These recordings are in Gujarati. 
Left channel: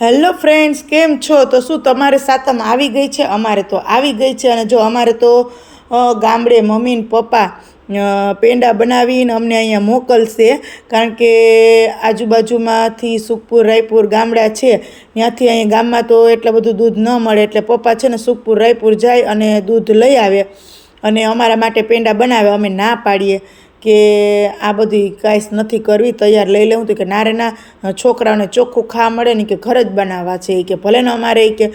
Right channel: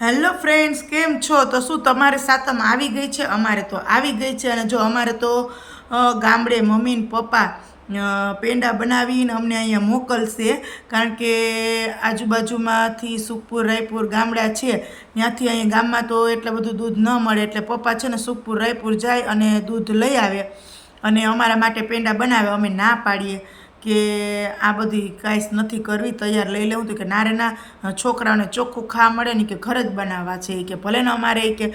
હેલો ફ્રેન્ડ્સ કેમ છો? તો શું તમારે સાતમ આવી ગઈ છે? અમારે તો આવી ગઈ છે અને જો અમારે તો ગામડે મમ્મી ને પપ્પા પેંડા બનાવીને અમને અહીંયા મોકલશે. કારણ કે આજુબાજુમાંથી સુખપુર, રાયપુર ગામડા છે. ત્યાંથી અહીંયા ગામમાં તો એટલું બધું દૂધ ન મળે. એટલે પપ્પા છે ને સુખપુર, રાયપુર જાય અને દૂધ લઈ આવે અને અમારા માટે પેંડા બનાવે. અમે ના પાડીએ. કે આ બધી કાંઈ નથી કરવી, તૈયાર લઈ લેવું. તો કે ના ના છોકરાઓને ચોખ્ખું ખાવા મળે ને કે ઘર જ બનાવવા છે. કે ભલે ને અમારે કે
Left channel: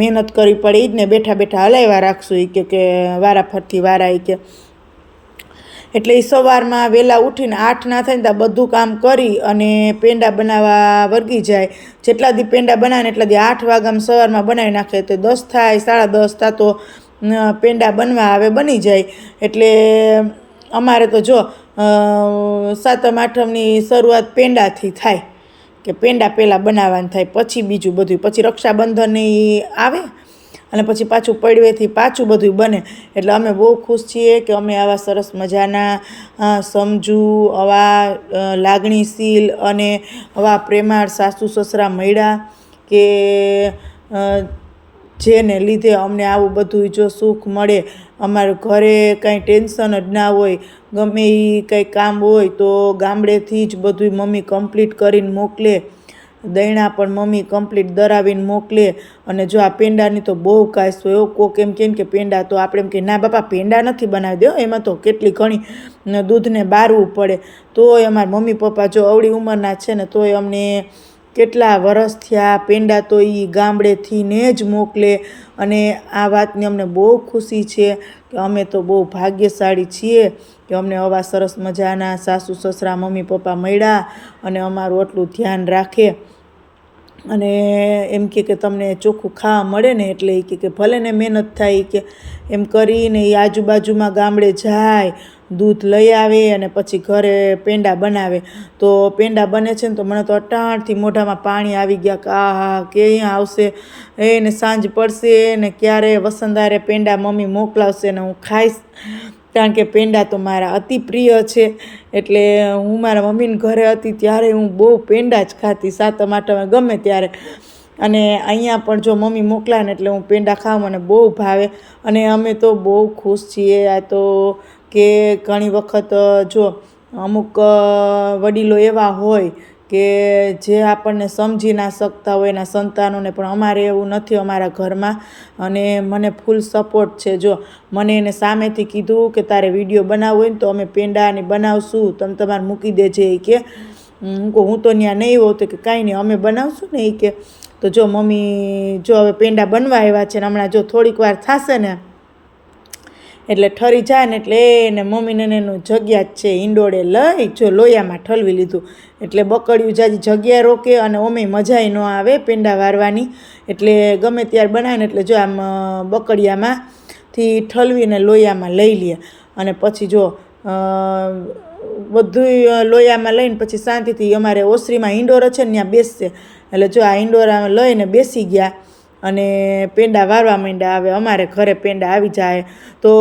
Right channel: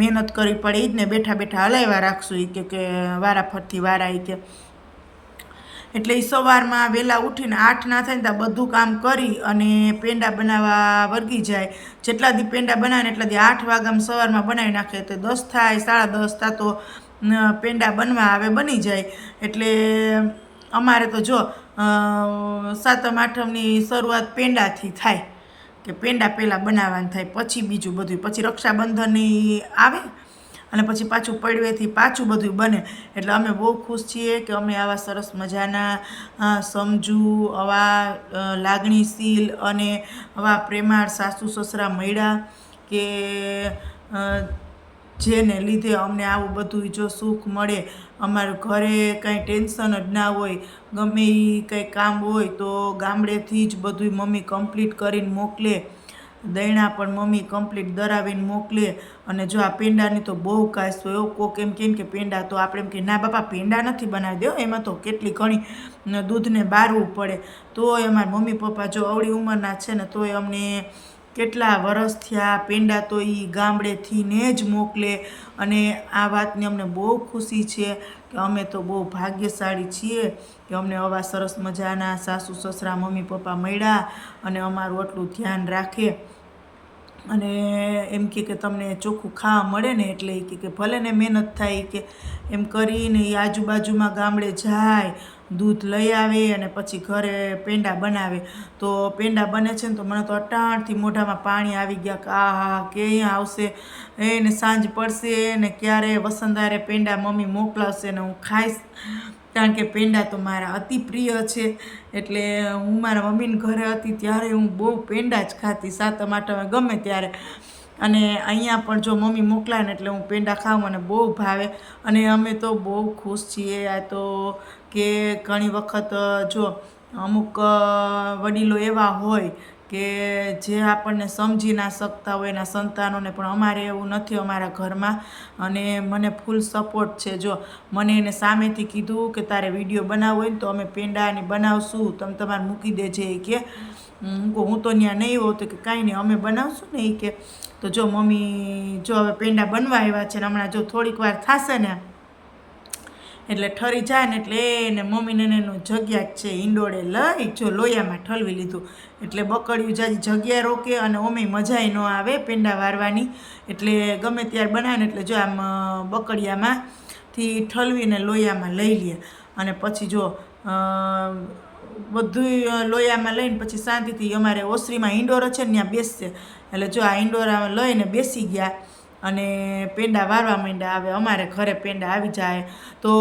મહેનત કરવી પડે એ જ ને બેઠા બેઠા હલાવ્યા રાખશું. એ કે કે વારા ફરતી વારા એ કે. એટલે એ સવારમાં વહેલા ઉઠીને આઠ ના થાય ને ત્યાં બધું કામ કરી અને પેંડા બનાવવા વર્ગી જાય. જેટલા દી પેંડા બનાવે એટલા દી આઠ વાગ્યામાં સવારમાં બનાવી નાખે. તો દસ થાય, સાડા દસ થાય તો પેંડા બનવા આવે, બની જાય. એટલે અમારે તો જો સાતમ, આઠમની શરૂઆત પેંડાથી થાય, કે પેંડા પહેલાં બનાવવાનું થાય, પછી બીજું બધું, પછી રક્ષાબંધન આવે, અને પછી પાછું પડવેથી પાછું બધું બને. એટલે અમે બહુ ખુશ છીએ કે અમે આવા સરસ મજાના સમજુ, આવા લાગણીશીલ અને આવા પ્રેમાળ સાસુ સસરા મળ્યા કે જેને લીધે અમને આવું બધું જો સુખ મળે, અમારું ઘરે કાંઈ ટેન્શન જ ના હોય, ગમે એ કંઈ કામ હોય તો ગામડેથી જ બધું મમ્મી કમ્પ્લીટ કરીને મોકલે, દૈણા પણ મમ્મી કમ્પ્લીટ દરાવીને મોકલે. અને જો આ પેંડાની તો બહુ કાશ હોય એવો કોક એમ કેમ કે પેંડા તો આપણે એમ કે, ના બાપા, પેંડા નથી બનાવી દો એમાં તો કેટલી ઘણી દૂધને બારવું પડે. તોય અમારા મમ્મી પપ્પા જો અવળી ઉંમરના છે ને, તોય અમને કેટલા વરસ થયા, પેંડા તો એ ગામડેથી ને જ મોકલે અને આ વાતની અમને બહુ ખુશી છે કે અમે તો બહુ ભાગ્યશાળી છીએ કે અમને આવા સરસ મજાના સાસુ, સસરા, મમ્મી, પપ્પા મળ્યા અને અમારું આટલું ધ્યાન રાખે. અને એમ કે કે તમને ચોખ્ખું ખાવા મળે ને એટલે એ કે ભલે ને મહેનત થાય કે એમ કરીને એ આજુબાજુમાં ગામડે જાય, દૂધ લઈ આવે અને પછી ઘરે પેંડા બનાવે. તો પેંડા બને છે ને તો મને તો અટાણથી મોઢામાં પાણી આવી ગયા કે આ હા કે અહીંયા આવશે? એને સાંજ પડશે ને ક્યારે વસંતારે પેંડા મમ્મી મોકલાવશે ને હું ખાઈશ. કારણ કે પેંડા તો મારા અતિ પ્રિય છે. એટલે હું મારા મમ્મીને ઘરે હતી ત્યારે હું બહુ પેંડા જ ખાતી, સાતમ, આઠમે, ગમે ત્યારે. અને અહીંયા પણ જો મમ્મી મોકલાય ને એટલે હું પેંડા ખાઉં મને બહુ ભાવે. અને અમે તો બહુ ખુશ છીએ. આ તો કે ઘણી વખત જો અમુક વડીલો એવા હોય કે જે આપણને સમજી ના શકતા હોય એના સંતાનોને પણ અમારે એવું નથી અમારા ઘરમાં. અને મને ફૂલ સપોર્ટ છે. જો મને એને સામેથી કીધું કે તારે વીડિયો બનાવવો હોય ને તો અમે પેંડાની બનાવશું. તમે તમારે મૂકી દેજે એ કે. હું તો ત્યાં નહીં હોઉં તો કે કાંઈ નહીં, અમે બનાવશું ને એ કે. તો જો મમ્મી, જો હવે પેંડા બનવા આવ્યા છે ને હમણાં જો થોડીક વાર થશે ને એટલે ઠરી જાય ને એટલે એને મમ્મીને એનું જગ્યા જ છે ઈંડોળે લઈ જો લોયામાં ઠલવી લીધું. એટલે બકડિયું જાજી જગ્યા રોકે અને ઓમે મજાય ન આવે પેંડા વારવાની. એટલે ગમે ત્યારે બનાવે એટલે જો આમ બકડિયામાંથી ઠલવીને લોયામાં લઈ લે. અને પછી જો બધું લોયામાં લઈને પછી શાંતિથી અમારે ઓસરીમાં ઈંડોર છે ને ત્યાં બેસશે. એટલે જો આ ઈંડોરામાં લઈને બેસી ગયા અને પેંડા વારવા માંડ્યા આવે અમારે ઘરે પેંડા આવી જાય. તો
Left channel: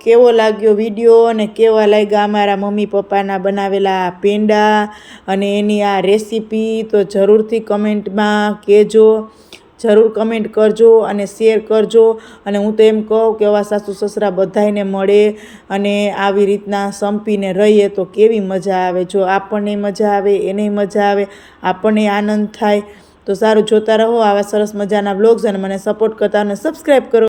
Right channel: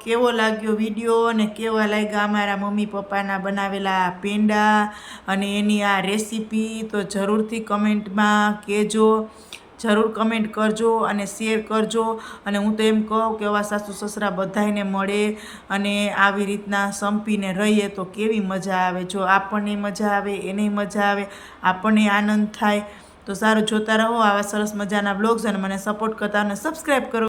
કેવો લાગ્યો વીડિયો અને કેવા લાગ્યા અમારા મમ્મી પપ્પાના બનાવેલા પેંડા? અને એની આ રેસીપી તો જરૂરથી કમેન્ટમાં કહેજો. જરૂર કમેન્ટ કરજો અને શેર કરજો. અને હું તો એમ કહું કે આવા સાસુ સસરા બધાને મળે અને આવી રીતના સંપીને રહીએ તો કેવી મજા આવે. જો આપણને મજા આવે, એને મજા આવે, આપણને આનંદ થાય તો સારું જોતા રહો, આવા સરસ મજાના બ્લોગ્સ અને મને સપોર્ટ કરતા અને સબસ્ક્રાઈબ કરો.